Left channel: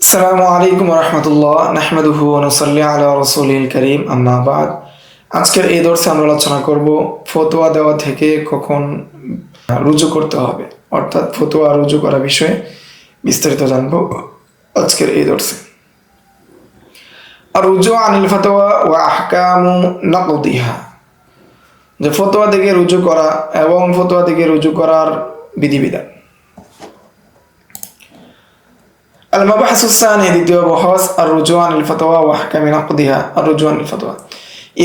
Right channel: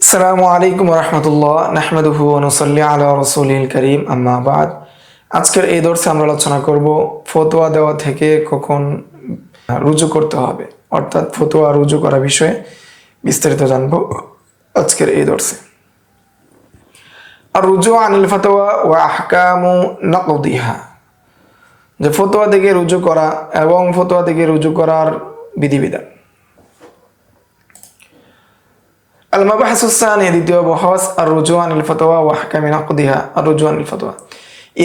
আসসালামু আলাইকুম রহমতুল্লাহ নাহমাদুহু ওয়া নুসাল্লি আলা রাসূলিল কারীম আম্মা বাদ। আজকের এই দর্শে আমরা আলোচনা করব ফতোয়া দেওয়া থেকে কখন রুজু করতে হবে, অর্থাৎ ফতোয়া রুজু করা বিষয়ে বিস্তারিত জানবো আজকের এই দর্শে। আর রুজু আনিল ফতোয়া ওয়া আহকামু নাকদিহা, যে ফতোয়া থেকে রুজু করা এবং ফতোয়া থেকে রুজু করার বিধিবিধান। المبحث الثاني দ্বিতীয় বহস الرجوع عن الفتوى واحكام نقضها. الرجوع عن الفتوى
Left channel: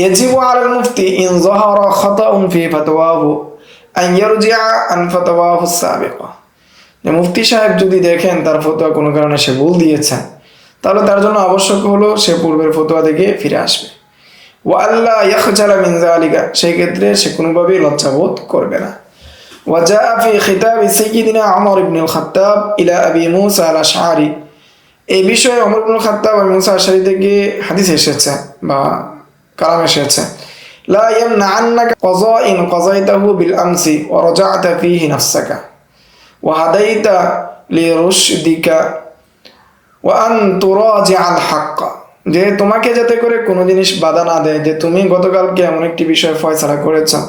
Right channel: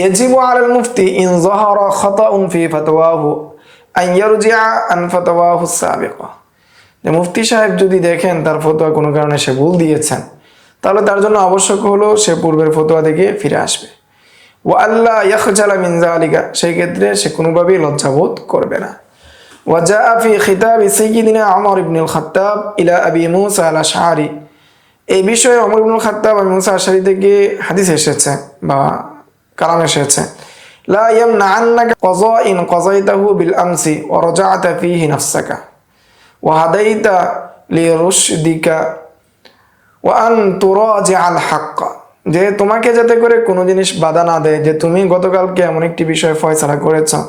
يجب على المفتي إن ظهر خطأ في فتواه أن يرجع عن فتواه السابقة. যে মুফতি সাহেব যদি দেখেন তার ফতোয়া কোনো কারণে সে ভুল দিয়েছেন, তাহলে তার জন্য আবশ্যক হলো সে পূর্বের ফতোয়া থেকে ফিরে আসবে। ওয়া আল্লাহ ইয়াখজালা মিন যালিকা, সেই ক্ষেত্রে সে কোনোভাবেই লজ্জাবোধ করবে না। وجاء في خطاب سيدنا عمر بن الخطاب إلى أبي موسى الأشعري, এই বিষয়ে ওমর ইবনুল খাত্তাব আবু মুসা আশআরী থেকে হাদিস এসেছে বা কালাম এসেছে। লা ইয়ামনাআন্নাকা ক্বাযাইন ক্বাযাইতাহু বিল আমসি ওয়া রাজা'তা ফীহি নাফসাকা ওয়া হাদাইতা লিরুশদিকা ওয়া আন তুরাজি'আল হক, যে তোমাকে যাতে করে কোনো জিনিস বাধা না দেয় যে তুমি গতকালকে এমন একটি বিষয়ে ফয়সালা করেছো,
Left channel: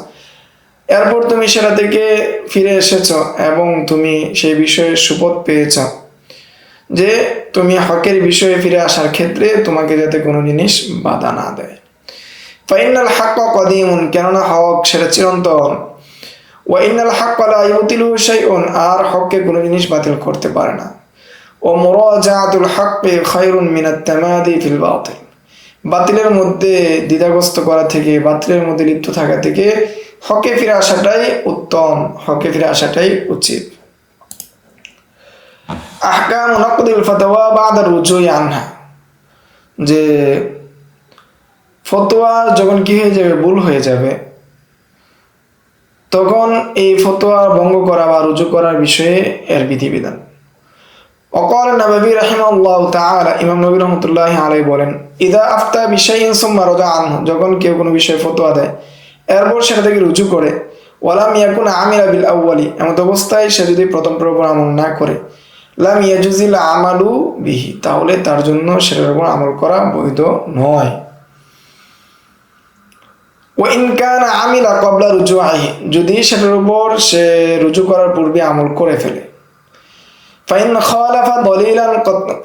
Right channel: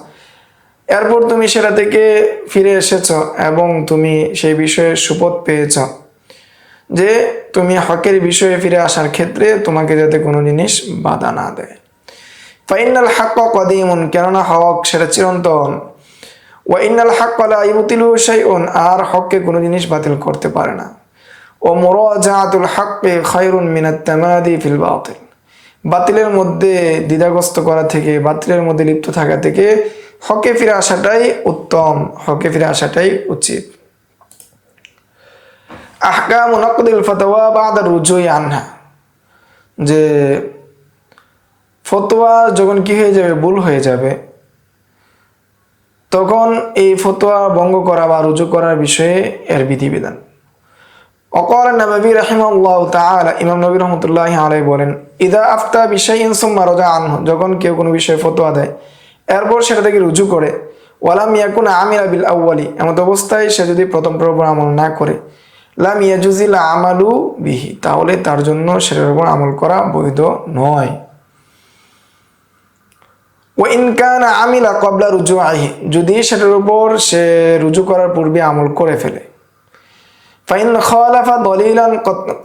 এরপর তুমি সেটা থেকে ফিরে এসেছ এবং তুমি সেই বিষয়ে সুপথ পেয়েছ, যে তুমি হকের বিষয়ে ফিরে আসার ক্ষেত্রে তোমাকে যাতে কোনো জিনিস বাধা না দেয়। ফাইনাল হক কদিমুন, কেননা হক সেটা চিরন্তন। ওয়া ইন্নাল হক লা ইউতিলু শাইউন, আর হককে কোনো জিনিস বাতিল করতে পারে না। ও মুরাজাআতুল হক্কি খায়রুন মিনাত তামাদি ফিল বাতিল, বাতিলের মধ্যে দ্বিধাগ্রস্ত করা থেকে, বাতিলের মধ্যে লিপ্ত থাকা থেকে হকে ফিরে আসাটাই উত্তম, হকে ফিরে আসাটাই উচিত। আহকাম নাকদিল ফাতওয়া বাদা রুজুই আনহা, যে ফতোয়া যখন কি হয়ে যাবে, ভুল হয়ে যাবে, তখন এই ফতোয়া ভঙ্গ করা বা রুজু করার বিষয়ে এর বিধিবিধান। ওয়াকাল নববী রাহিমাহুল্লাহু তাআলা, ইমাম নবী রাহমাতুল্লাহি আলাইহি বলেন, ইযা আফতা বিশাইইন সুম্মা রাজা আনহু, যখন কেউ কোনো বিষয়ে ফতোয়া দেয় এরপর সেটা থেকে রুজু করে, ওয়ালাম ইয়াকুন আমিলা বিল আউয়ালি, এমন অবস্থায় সে যদি প্রথম পর্ব আমল না করে, লাম ইয়াজুজিল আমালু বিহি, তাহলে তার জন্য সেটার উপর আমল করা বৈধ নয়। ওয়া ইন কানা আমিলা ক্বাবলা রুজুইহি, যদি সেটার উপর সে রুজু করার পূর্বে আমল করে ফেলে। ফাইন খালাফা দলিলান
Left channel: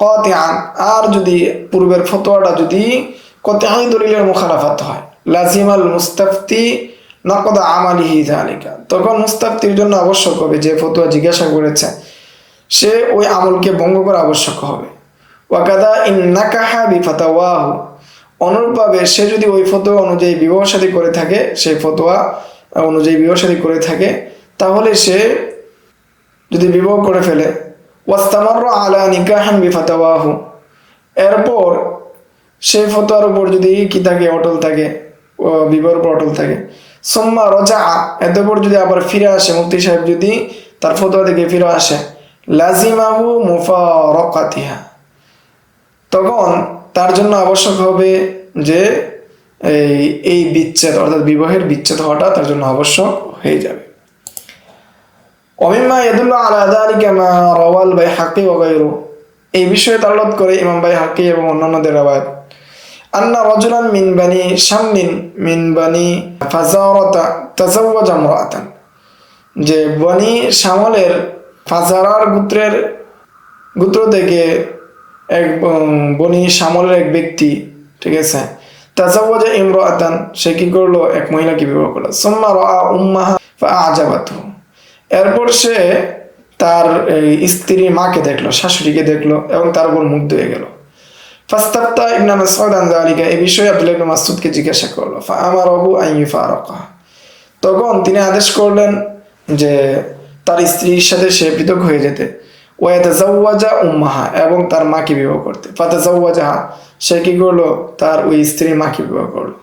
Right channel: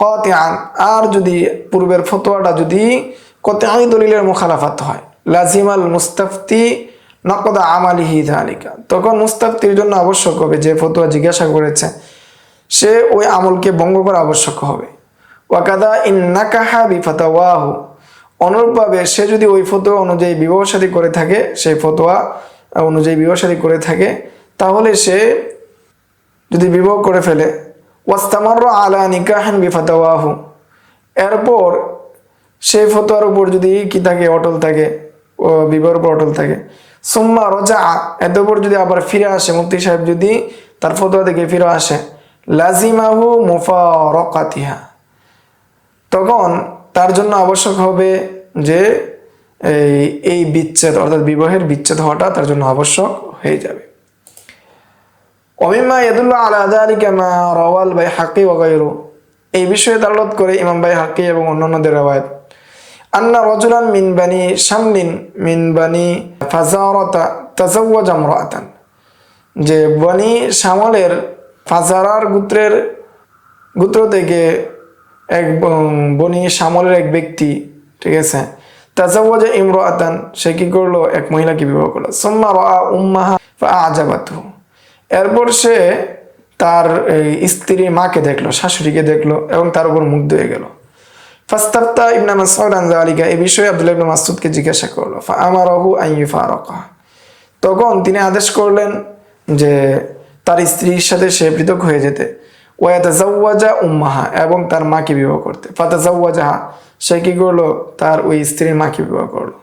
কাতিআন, আর যদি পূর্বের ফতোয়াটা যদি কতঈ দলিলের মুখালাফাত হয়, লাজিমাল মুস্তাফতি নকদা আমালিহি যালিকা, তখন মুস্তাফতির জন্য আবশ্যক হবে, যে ফতোয়া জিজ্ঞাসা করেছে সে ওই আমলকে ভঙ্গ করা আবশ্যক হবে। ওয়াকাদা ইন নাকাহা বিফাতাওয়াহু, অনুরূপভাবে সে যদি ওই ফতোয়া অনুযায়ী বিবাহ শাদী করে থাকে, সেই ফতোয়া অনুযায়ী বিবাহ শাদী করে থাকে, তাহলে সে যদি বিবাহ করে ফেলে, ওয়াস্তামাররা আলা নিকাহিন বিফাতাওয়াহু, এরপর সেই ফতোয়ার উপর যদি কি থাকে, অটল থাকে, ও বিবাহের উপর অটল থাকে, সুম্মা রাজা, এরপর যদি আবার ফিরে আসে, মুফতি সাহেব যদি তার ফতোয়া থেকে ফিরে আসে, লাজিমাহু মুফারাকাতিহা, তখন তার জন্য আবশ্যক হবে যে এই বিচ্ছেদ, অর্থাৎ বিবাহের বিচ্ছেদ হওয়াটা তার জন্য আবশ্যক হয়ে যাবে। ওমিম্মা ইয়াদুল্লু আলা যালিকা মা রাওয়াল বাইহাকি ওয়া গায়রুহু, এই বিষয়ে দালালত করে ইমাম বাইহাকি এবং অন্যান্যদের রওয়ায়াত, আন্না রাজুলান মিন বানি শামলিন মিন বানি ফাজারাতা তাজাওয়াজা ইমরাআতান, যে বনি শামলের ফাজারার গোত্র থেকে এক বনি শামলের এক ব্যক্তি, ঠিক আছে, তাজাওয়াজা ইমরাআতান, সে কি করলো, এক মহিলাকে বিবাহ করলো। সুম্মা রাআ উম্মাহা ফাআজাবাতহু, এরপর সে তার স্ত্রীর মাকে দেখলো, শাশুড়িকে দেখলো এবং তার উপর মুগ্ধ হয়ে গেল। ফাস্তাফতা ইবনে মাসউদ আন যালিকা, এই বিষয়ে আব্দুল্লাহ ইবনে মাসউদকে জিজ্ঞাসা করলো। ফাআমারাহু আন ইউফারাকা, তখন তিনি আদেশ করলেন যে তার স্ত্রীর সাথে সে পৃথক হয়ে যেতে। ওয়া ইয়াতাজাওয়াজা উম্মাহা, এবং তার মাকে বিবাহ করতে। ফাতাজাওয়াজাহা, সে কি করলো, তার ওই স্ত্রীর মাকে বিবাহ করলো।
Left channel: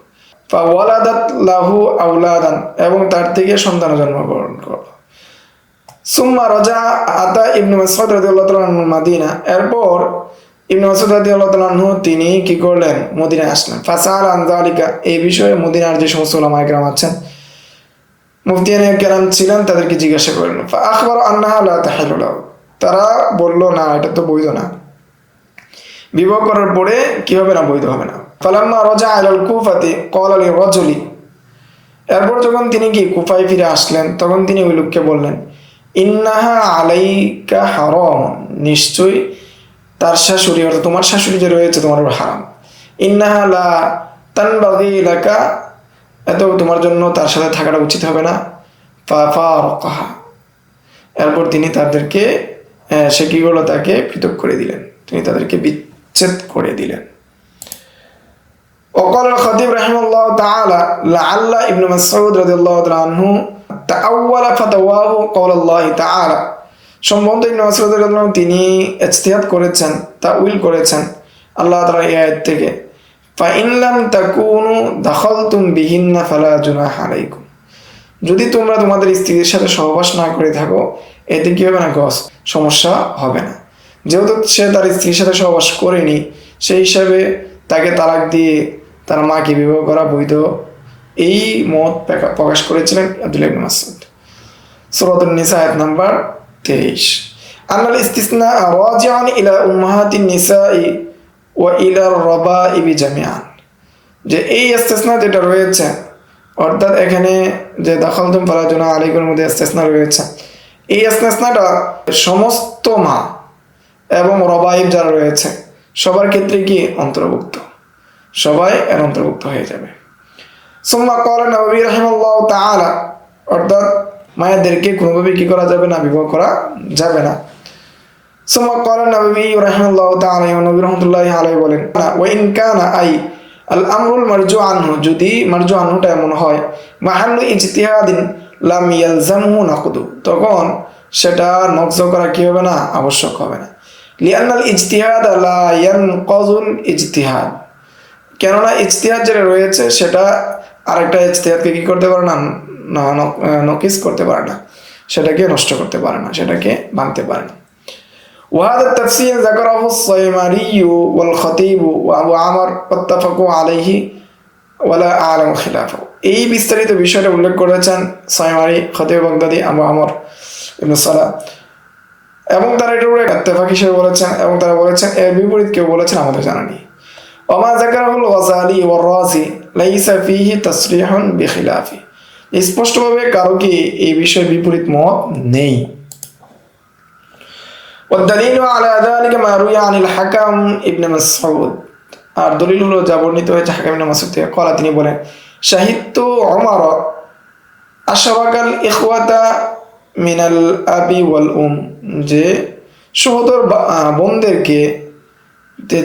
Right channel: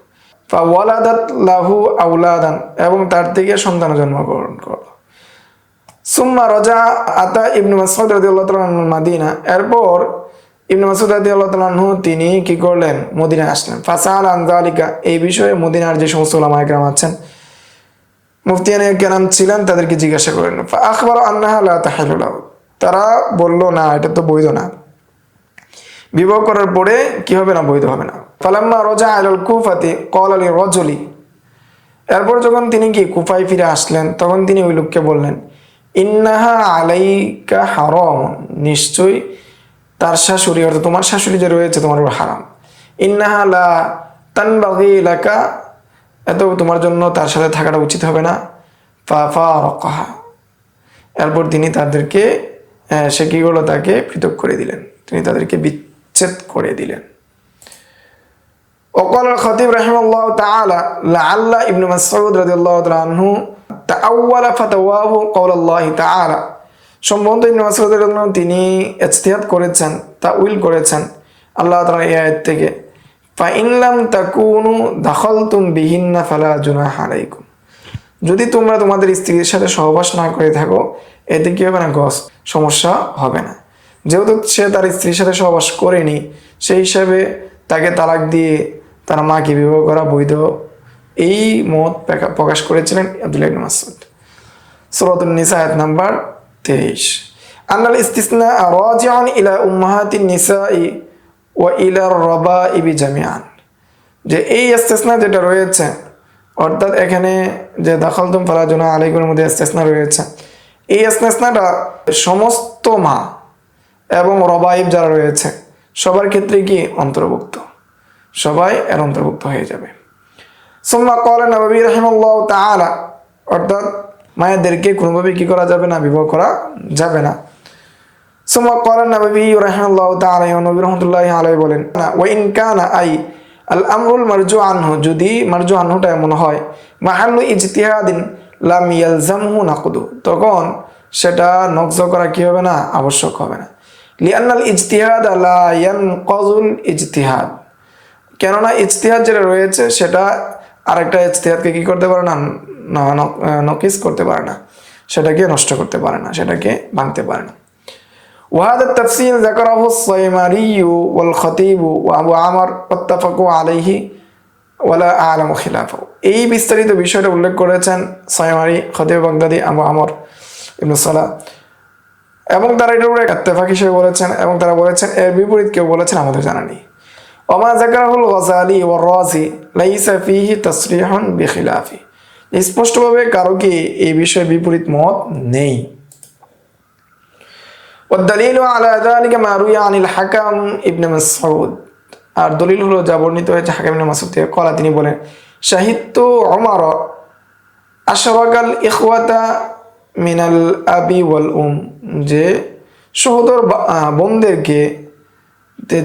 ফাওয়ালাদাত লাহু আওলাদান, এবং তার থেকে সন্তান জন্মগ্রহণ করলো। সুম্মা রাজা আতা ইবনে মাসউদ রাদিয়াল্লাহু তাআলা আনহু মাদিনা, এরপর ইবনে মাসউদ রাদিয়াল্লাহু তাআলা আনহু তিনি কি করলেন, মদিনায় আসলেন। ফাসাল আন যালিকা, এই বিষয়ে মদিনার যে সমস্ত উলামায়ে কেরাম আছেন, মুফতিয়ানে কেরাম ছিলেন, তাদেরকে জিজ্ঞাসা করলেন। ফা আখবারা আন্নাহা লা তাহিলু লাহু, তারা বলল না, এটা তো বৈধ না। বিবাহ করার পরে কি হবে না, বৈধ হবে না। ফালাম্মা রাজা ইলাল কুফাতি ক্বালা লিরাজুলি, এরপর যখন তিনি কি কুফায় ফিরে আসলেন তখন তিনি ওই লোককে বললেন, ইন্নাহা আলাইকা হারাম, নিশ্চয়ই তার শাশুড়ি অর্থাৎ তোমার শাশুড়ি যে রয়েছে তোমার উপর হারাম। ইন্নাহা লা তানবাগি লাকা, এত তোমার জন্য তার সাথে থাকাটা উচিত হবে না। ফাফারাকাহা, এরপর তিনি তাদেরকে সে কি করলো, তাকে পৃথক করে দিলেন, তিনি তাদেরকে বিচ্ছেদ করে দিলেন। وقال الخطيب رحمه الله تعالى لعل ابن مسعود رضي الله عنه تأول فتواه قول الله تعالى, সম্ভবত ইবনে মাসউদ রাদিয়াল্লাহু আনহু তিনি ইজতিহাদ করেছেন, তাউইল করেছেন আল্লাহ তাআলা এই আয়াত থেকে, فإن لم تكونوا دخلتم بهن فلا جناح عليكم, যদি তোমরা তোমাদের স্ত্রীর সাথে সহবাস না করে থাকো এতে কি হবে না, সমস্যা হবে না। যেহেতু সে তার স্ত্রীর সাথে সহবাস করেনি সেই হিসাবে তাকে তালাক দিয়ে তার মাকে বিবাহ করা বৈধ, এই মত প্রকাশ করেছিলেন আব্দুল্লাহ ইবনে মাসউদ। সূরাতুন নিসা আয়াত নাম্বার 23। আনাল ইসতিসনা রাজিউন ইলা উম্মাহাতিন নিসাই ওয়া ইলা রাবাইবি জামিআন, যে এই ইসতিসনা যেটা রয়েছে অর্থাৎ এখানে যে দাখালতুম ফালা জুনাহা আলাইকুমের মধ্যে ইসতিসনা রয়েছে, এই ইসতিসনাটা সমস্ত মা এবং রবাইব যারা রয়েছে সবার ক্ষেত্রে কি অন্তর্ভুক্ত, সবাই এর অন্তর্ভুক্ত হয়ে যাবে। সুম্মা ক্বালা নববী রাহিমাহুল্লাহু তাআলা, অর্থাৎ মায়েদেরকে কোনোভাবে কি করা যাবে না, বিবাহ করা যাবে না। সুম্মা ক্বালা নববী রাহিমাহুল্লাহু তাআলা, নবী রাহমাতুল্লাহি আলাইহি বলেন, ওয়া ইন কানা আই আল আমরুল মারজু আনহু, যদি মারজু আনহুটা এমন হয় মাহাল্লু ইজতিহাদিন লাম ইয়ালজামহু নাকদু, তখন সেটা নকজ করা কি হবে না, আবশ্যক হবে না। লিআন্নাল ইজতিহাদ লা ইয়ানকাযুল ইজতিহাদ, কেননা ইজতিহাদ যেটা রয়েছে সেটা আরেকটা ইজতিহাদকে কি করতে পারে না, নকিস করতে পারে না, সেটাকে নষ্ট করতে পারে না, সেটাকে ভাঙতে পারে না। وهذا التفسير ذكره الصيمري والخطيب وأبو عمر واتفقوا عليه ولا أعلم خلافه, এই বিস্তারিত বিষয়টা উল্লেখ করেছেন সাইমারি, খতিব বাগদাদি, আবু আমর ইবনে সালাহ, এবং তারা এটার উপরে ইত্তেফাক হিসেবে বলেছেন, এবং তারা বলেছেন এর বিপরীত কেউ বলেছেন আমাদের জানা নেই। ওমা যাকারাহুল গাযালি ওয়ার রাজি লাইসা ফীহি তাসরিহুন বিখিলাফি, স্পষ্টভাবে কারো কি এই বিষয়ে বিপরীত মত নেই। والدليل على ذلك ما روي عن الحكم ابن مسعود, আর দলিল হলো যা বর্ণিত হয়েছে হাকিম ইবনে মাসউদ থেকে, কলা তিনি বলেন, শাহিদতু উমর আশরাকাল ইখওয়াতা মিনাল আবি ওয়াল যে সহোদর বোনদেরকে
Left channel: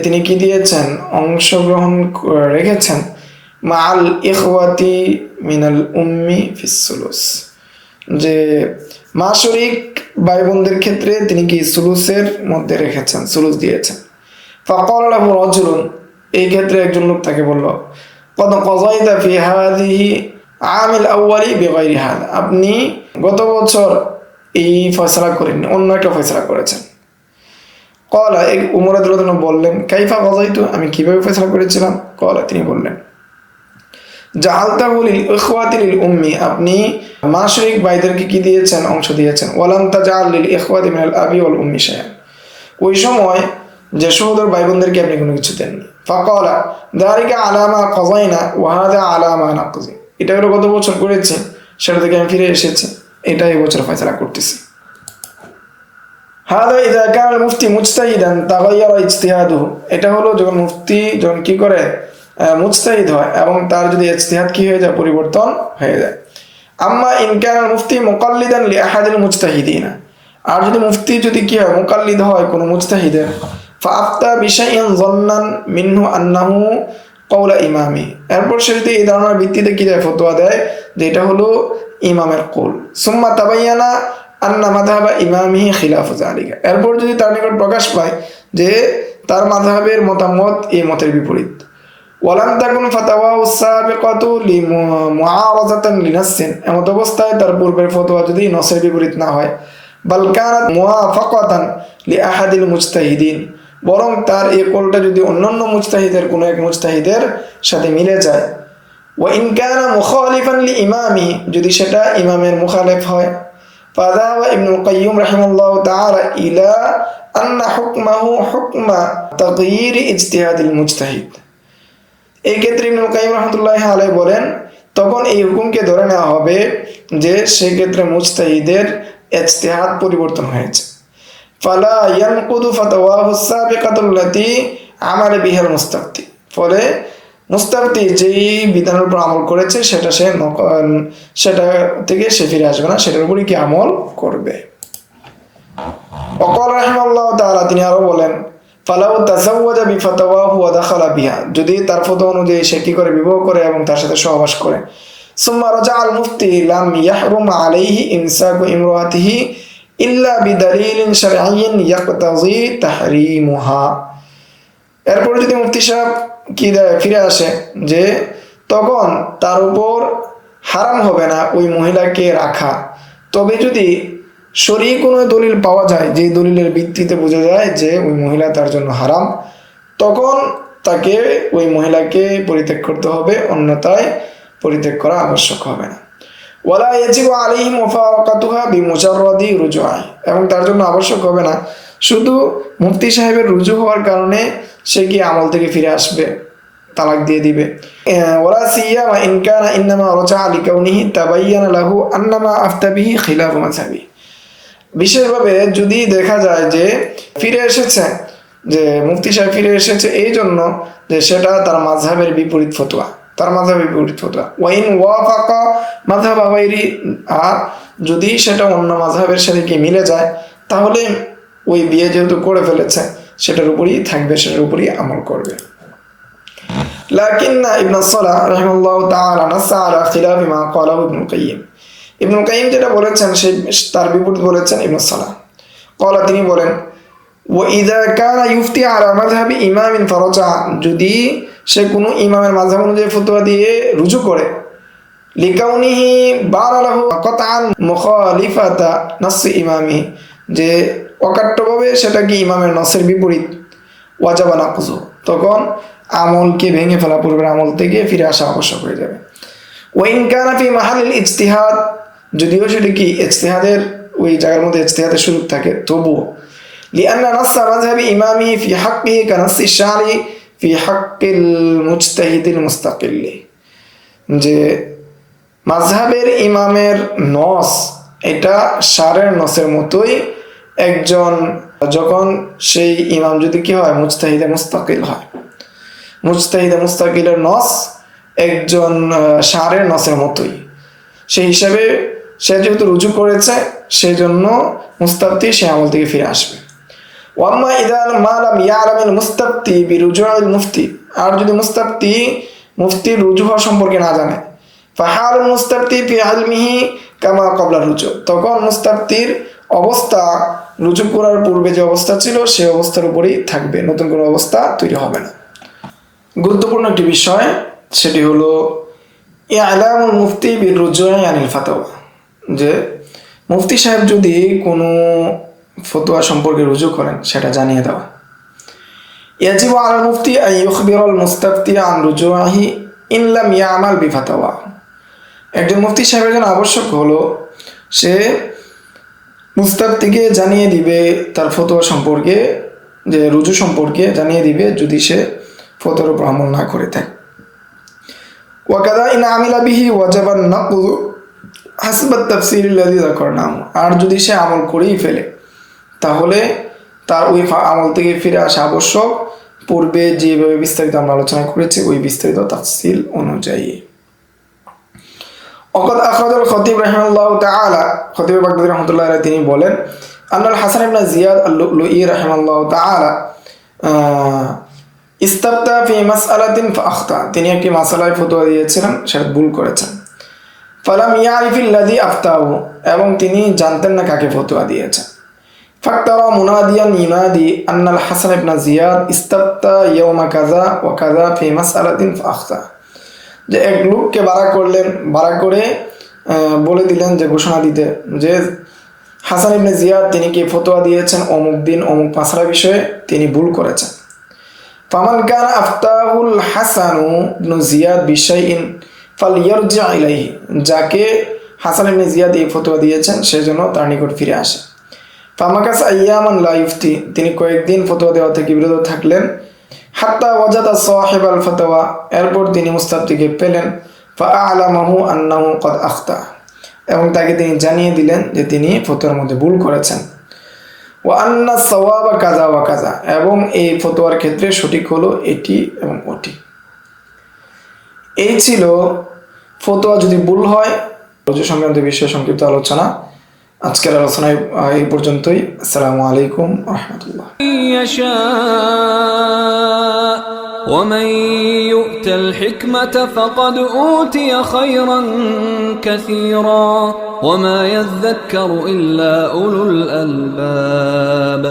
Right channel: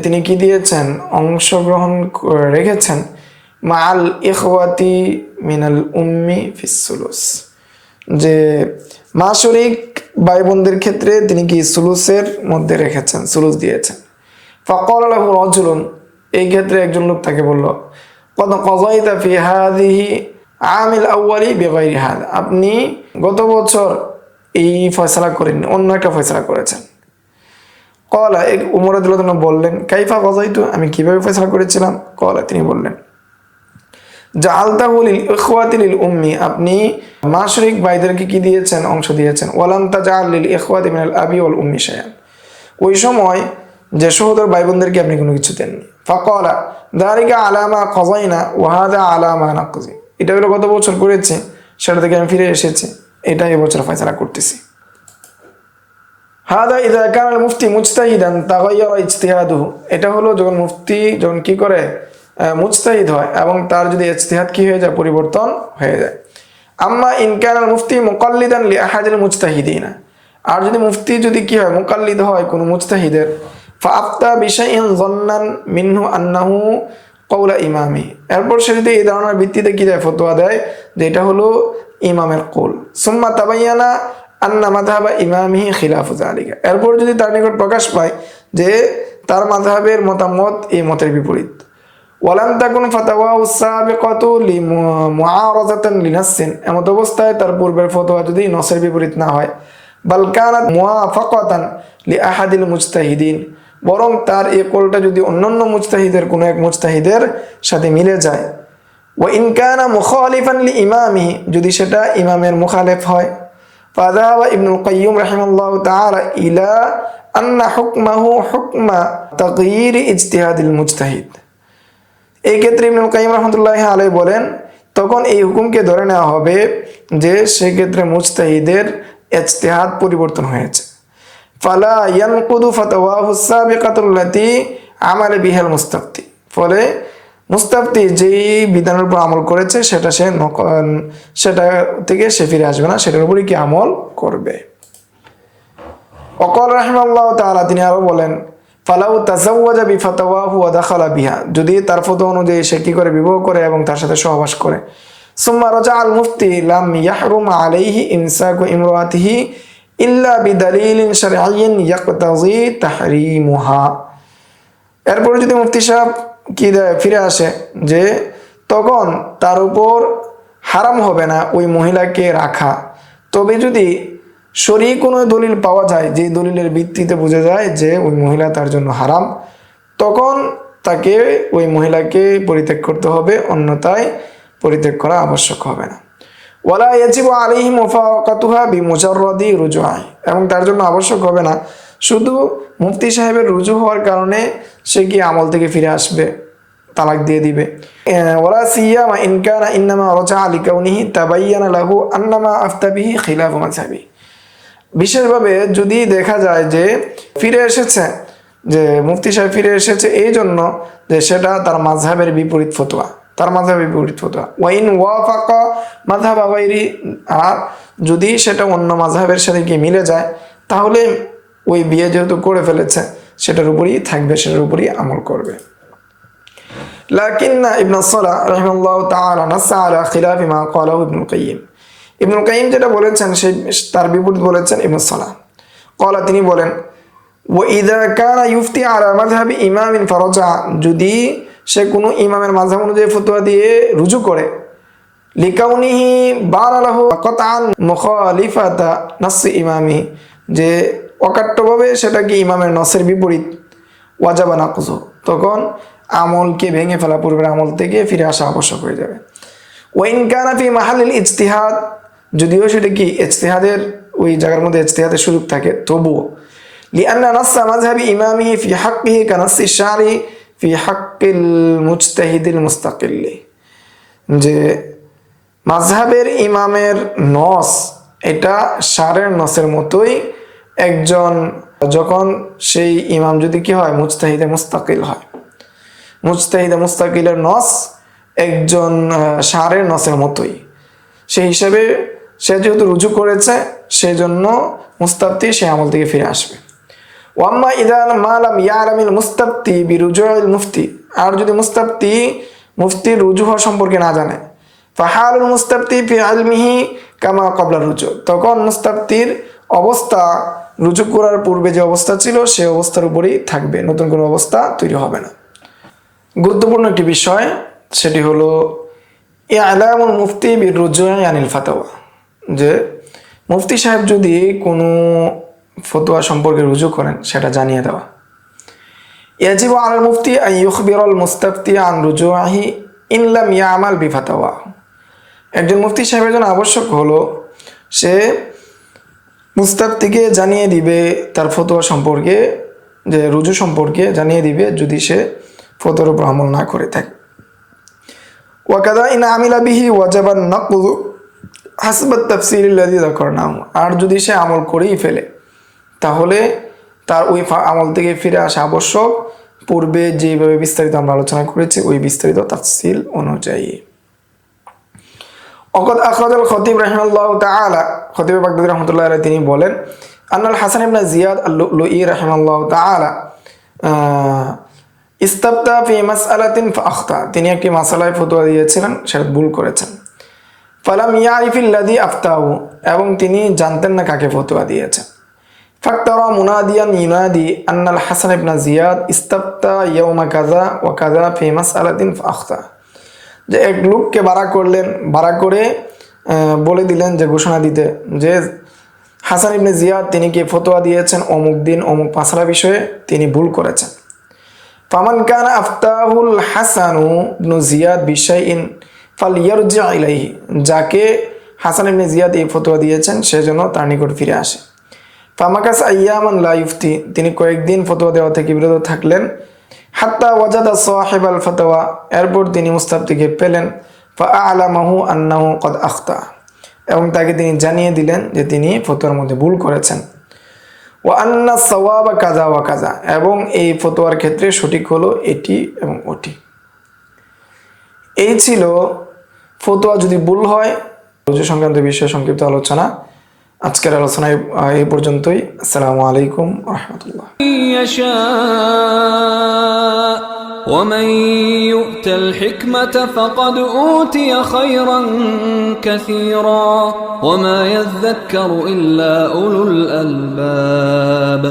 তিনি কি দিয়েছেন, অংশগ্রহণ রেখেছেন, মাআল ইখওয়াতি মিনাল উম্মি ফিস সুলুস, যে মা শরীক ভাই বোনদের ক্ষেত্রে তিনি কি সুলুসের মধ্যে রেখেছেন, সুলুস দিয়েছেন। ফাকালা লাহু রাজুলুন, এই ক্ষেত্রে একজন লোক তাকে বলল, কদ কাযাইতা ফি হাযিহি আমিল আউয়ালি বিগাইরি হাযা, আপনি গত বছর এই ফয়সালা করেননি, অন্য একটা ফয়সালা করেছেন। ক্বালা, উমর রাদিয়াল্লাহু আনহু বললেন, কাইফা কাযাইতু, আমি কিভাবে ফয়সালা করেছিলাম। ক্বালা, তিনি বললেন, জাআলতাহু লিল ইখওয়াতি লিল উম্মি, আপনি মা শরীক ভাইদেরকে কি দিয়েছেন, অংশ দিয়েছেন। ওয়ালাম তাজআল লিল ইখওয়াতি মিনাল আবি ওয়াল উম্মি শাইআন, ওই সময় যে সহোদর ভাই বোনদেরকে আপনি কোনো কিছু দেননি। ফাকালা যালিকা আলা মা কাযাইনা ওয়া হাযা আলা মা নাকযি, এটা হলো গত বছর করেছি, সেটা থেকে আমি ফিরে এসেছি, এটা এই বছর ফয়সালা করতেছি। হাদা ইযা কানা মুফতি মুজতাহিদান তাগায়্যারা ইজতিহাদুহু, এটা হলো যখন মুফতি যখন কি করে মুজতাহিদ হয় এবং তার যদি ইজতিহাদ কি হয়ে যায়, পরিবর্তন হয়ে যায়। আম্মা ইন কানা মুফতি মুকাল্লিদান লি আহাদিল মুজতাহিদিনা, আর যদি মুফতি যদি কি হয়, মুকাল্লিদ হয় কোন মুজতাহিদের, ফাআফতা বিশাইইন যান্নান মিনহু আন্নাহু কওলা ইমামি, এরপর সে যদি এই ধারণার ভিত্তিতে কি দেয়, ফতোয়া দেয় যে এটা হলো ইমামের কওল, সুম্মা তাবায়্যানা আন্না মাযহাবা ইমামিহি খিলাফু যালিকা, এরপর যদি তার নিকট প্রকাশ পায় যে তার মাযহাবের মতামত এই মতের বিপরীত, ওয়ালাম তাকুন ফাতাওয়াহু সাবিকাতু লিমুআরাযাতান লিনাসসিন, এমত অবস্থায় তার পূর্বের ফতোয়া যদি নসের বিপরীত না হয়, বাল কানাত মুওয়াফাকাতান লিআহাদিল মুজতাহিদিন, বরং তার এই কওলটা যদি অন্যান্য মুজতাহিদের কোনো এক মুজতাহিদের সাথে মিলে যায়, ওয়া ইন কানা মুখালিফান লিইমামি, যদি সেটা ইমামের মুখালিফ হয়, فذهب ابن القيم رحمه الله تعالى إلى أن حكمه حكم تغيير اجتهاد المجتهد। এই ক্ষেত্রে ইবনুল কাইয়িম রাহমাতুল্লাহি আলাইহি বলেন তখন এই হুকুমকে ধরে নেওয়া হবে যে সেক্ষেত্রে মুজতাহিদের ইজতিহাদ পরিবর্তন হয়েছে। ফালা ইয়ানকুদু ফাতাওয়াহু সাবিকাতুল্লাতী আমালা বিহাল মুস্তাফতি, ফলে মুস্তাফতি যেই বিধানের উপর আমল করেছে সেটা থেকে সে ফিরে আসবে না, সেটার উপরই কি আমল করবে। ওয়াকাল রাহিমাহুল্লাহ তাআলা, তিনি আরো বলেন ফালাউ তাযাওয়াজা বিফাতাওয়াহু ওয়া দাখালা বিহা, যদি তার ফতোয়া অনুযায়ী সে কি করে বিবাহ করে এবং তার সাথে সহবাস করে, সুম্মা রাজা আল মুফতি লাম ইয়াহরুম আলাইহি ইমসাকু ইমরাতিহি ইল্লা বিদালিলিন শারঈয়্যিন ইয়াকতাযী তাহরীমুহা। এরপর যদি মুফতি সাহেব কি ফিরে আসে যে তখন তার উপর হারাম হবে না ওই মহিলাকে রাখা, তবে যদি শরঈ কোনো দলিল পাওয়া যায় যে দলিলের ভিত্তিতে বোঝা যায় যে ওই মহিলা তার জন্য হারাম, তখন তাকে ওই মহিলাকে পরিত্যাগ করতে হবে, অন্যথায় পরিত্যাগ করা আবশ্যক হবে না। ওয়ালা ইয়াজিবু আলাইহি মুফারাকাতুহা বিমুজাররাদি রুজুআ, এবং তার জন্য আবশ্যক হবে না শুধু মুফতি সাহেবের রুজু হওয়ার কারণে সে কি আমল থেকে ফিরে আসবে, তালাক দিয়ে দিবে। ওয়ালা সিয়ামা ইন কানা ইন্নামা রাজা'a লিকাউনিহি তাবায়্যানা লাহু আন্নামা আফতা বিহি খিলাফু মাযহাবি, বিশেষভাবে যদি দেখা যায় যে ফিরে এসেছে, যে মুফতি সাহেব ফিরে এসেছে এই জন্য যে সেটা তার মাযহাবের বিপরীত ফতোয়া, তার মাযহাবের বিপরীত ফতোয়া। ওয়াইন ওয়াফাকা মাযহাবা গায়রি, আর যদি সেটা অন্য মাযহাবের সাথে কি মিলে যায় তাহলে ওই বিয়ে যেহেতু করে ফেলেছে সেটার উপরই থাকবে, সেটার উপরই আমল করবে। লাকিন্না ইবনে সালাহ রাহিমাহুল্লাহ তাআলা নাসা আলা খিলাফি মা ক্বালাহু ইবনুল কাইয়িম, ইবনুল কাইয়িম যেটা বলেছেন সেই তার বিপরীত বলেছেন ইবনে সালাহ। ক্বালা, তিনি বলেন ওয়া ইযা কানা ইফতি আলা মাযহাবি ইমামিন ফারাজা, যদি সে কোনো ইমামের মাযহাব অনুযায়ী ফতোয়া দিয়ে রুজু করে, লিকাউনিহি বানা লাহু কাতআন মুখালিফাতা নাস ইমামি, যে অকাট্যভাবে সেটা কি ইমামের নসের বিপরীত, ওয়াজাবা নাকযু, তখন আমলকে ভেঙে ফেলা, পূর্বের আমল থেকে ফিরে আসা আবশ্যক হয়ে যাবে। ওয়াইন কানা ফি মাহালিল ইজতিহাদ, যদিও সেটা কি ইজতিহাদের ওই জায়গার মধ্যে ইজতিহাদের সুযোগ থাকে তবুও, লিআন্না নাস মাযহাবি ইমামি ফি হাক্কিহি কানাসি শারি ফি হাক্কিল মুজতাহিদিল মুস্তাকিল্লি, যে মাযহাবের ইমামের নস এটা শারের নসের মতোই, একজন যখন সেই ইমাম যদি কি হয় মুজতাহিদে মুস্তাকিল হয়, মুজতাহিদে মুস্তাকিলের নস একজন শারের নসের মতোই, সেই হিসাবে সে যেহেতু রুজু করেছে সেই জন্য মুস্তাফতি সে আমল থেকে ফিরে আসবে। ওয়াম্মা ইযা মা লাম ইয়ালামিল মুস্তাফতি বিরুজুইল মুফতি, আর যদি মুস্তাফতি মুফতির রুজু হওয়া সম্পর্কে না জানে, ফাহালুল মুস্তাফতি ফি ইলমিহি কামা ক্বাবলা রুজু, তখন মুস্তাফতির অবস্থা রুজু করার পূর্বে যে অবস্থা ছিল সেই অবস্থার উপরেই থাকবে, নতুন কোনো অবস্থা তৈরি হবে না। গুরুত্বপূর্ণ একটি বিষয় সেটি হলো ইআলামুল মুফতি বিরুজুই আনিল ফাতাওয়া, যে মুফতি সাহেব যদি কোনো ফতোয়া সম্পর্কে রুজু করেন সেটা জানিয়ে দেওয়া। ইয়াজিবু আলাল মুফতি আন ইউখবিরাল মুস্তাফতি আন রুজুইহি ইন লাম ইয়ামাল বিফাতাওয়া, একজন মুফতি সাহেবের জন্য আবশ্যক হলো সে মুস্তাফতিকে জানিয়ে দিবে তার ফতোয়া সম্পর্কে, যে রুজু সম্পর্কে জানিয়ে দিবে যদি সে ফতোয়ার উপর আমল না করে থাকে। ওয়াকাদা ইন আমিলা বিহি ওয়াজাবান নাকযু হাসবাত তাফসীল আল্লাযী যাকারনাহু, আর যদি সে আমল করেই ফেলে তাহলে তার ওই আমল থেকে ফিরে আসা আবশ্যক, পূর্বে যেভাবে বিস্তারিত আমরা আলোচনা করেছি ওই বিস্তারিত তাফসীল অনুযায়ী। ওয়াকাদ আখরাজাল খতিব রাহিমাহুল্লাহু তাআলা, খতিব বাগদাদী রাহমাতুল্লাহি আলাইহি তিনি বলেন আন্নাল হাসান ইবনে জিয়াদ আল-লু'লুই রাহিমাহুল্লাহু তাআলা ইস্তাফতা ফি মাসআলাতিন ফাআখতা, তিনি একটি মাসালায় ফতোয়া দিয়েছিলেন, সেটা ভুল করেছেন। ফালাম ইয়ারিফিল লাযী আফতাহু, এবং তিনি জানতেন না কাকে ফতোয়া দিয়েছেন। ফাক্তারা মুনাদিয়ান ইউনাদি আন্নাল হাসান ইবনে জিয়াদ ইস্তাফতা ইয়াওমা কাযা ওয়া কাযা ফি মাসআলাতিন ফাআখতা, যে এক লোককে বাড়া করে বলে দিলেন, যে ঘোষণা দিতে যে হাসান ইবনে জিয়াদ তিনি কি ফতোয়া দিয়েছেন অমুক দিন অমুক মাসলা বিষয়ে, তিনি ভুল করেছেন। ফামান কানা আফতাহুল হাসানু ইবনে জিয়াদ বিশাইইন ফালইয়ারজি ইলাইহি, যাকে হাসান ইবনে জিয়াদ এই ফতোয়া দিয়েছেন, সেজন্য তার নিকট ফিরে আসে। ফামাকাস আইয়ামান লা ইফতি, তিনি কয়েকদিন ফতোয়া দেওয়া থেকে বিরত থাকলেন। হাত্তা ওয়াজাদা সাহিবাল ফতোয়া, এরপর তিনি মুস্তাফতিকে পেলেন। ফাআলামাহু আন্নাহু ক্বাদ আখতা, এবং তাকে তিনি জানিয়ে দিলেন যে তিনি ফতোয়ার মধ্যে ভুল করেছেন। ওয়া আন্না সাওয়াবা কাযা ওয়া কাযা, এবং এই ফতোয়ার ক্ষেত্রে সঠিক হলো এটি এবং ওটি। এই ছিল ফতোয়া যদি ভুল হয় রোজা সংক্রান্ত বিষয়ে সংক্ষিপ্ত আলোচনা। আজকের আলোচনায় এই পর্যন্তই। আসসালামু আলাইকুম ওয়া রাহমাতুল্লাহ। ومن يؤت الحكمة فقد أوتي خيرا كثيرا وما يذكر إلا أولو الألباب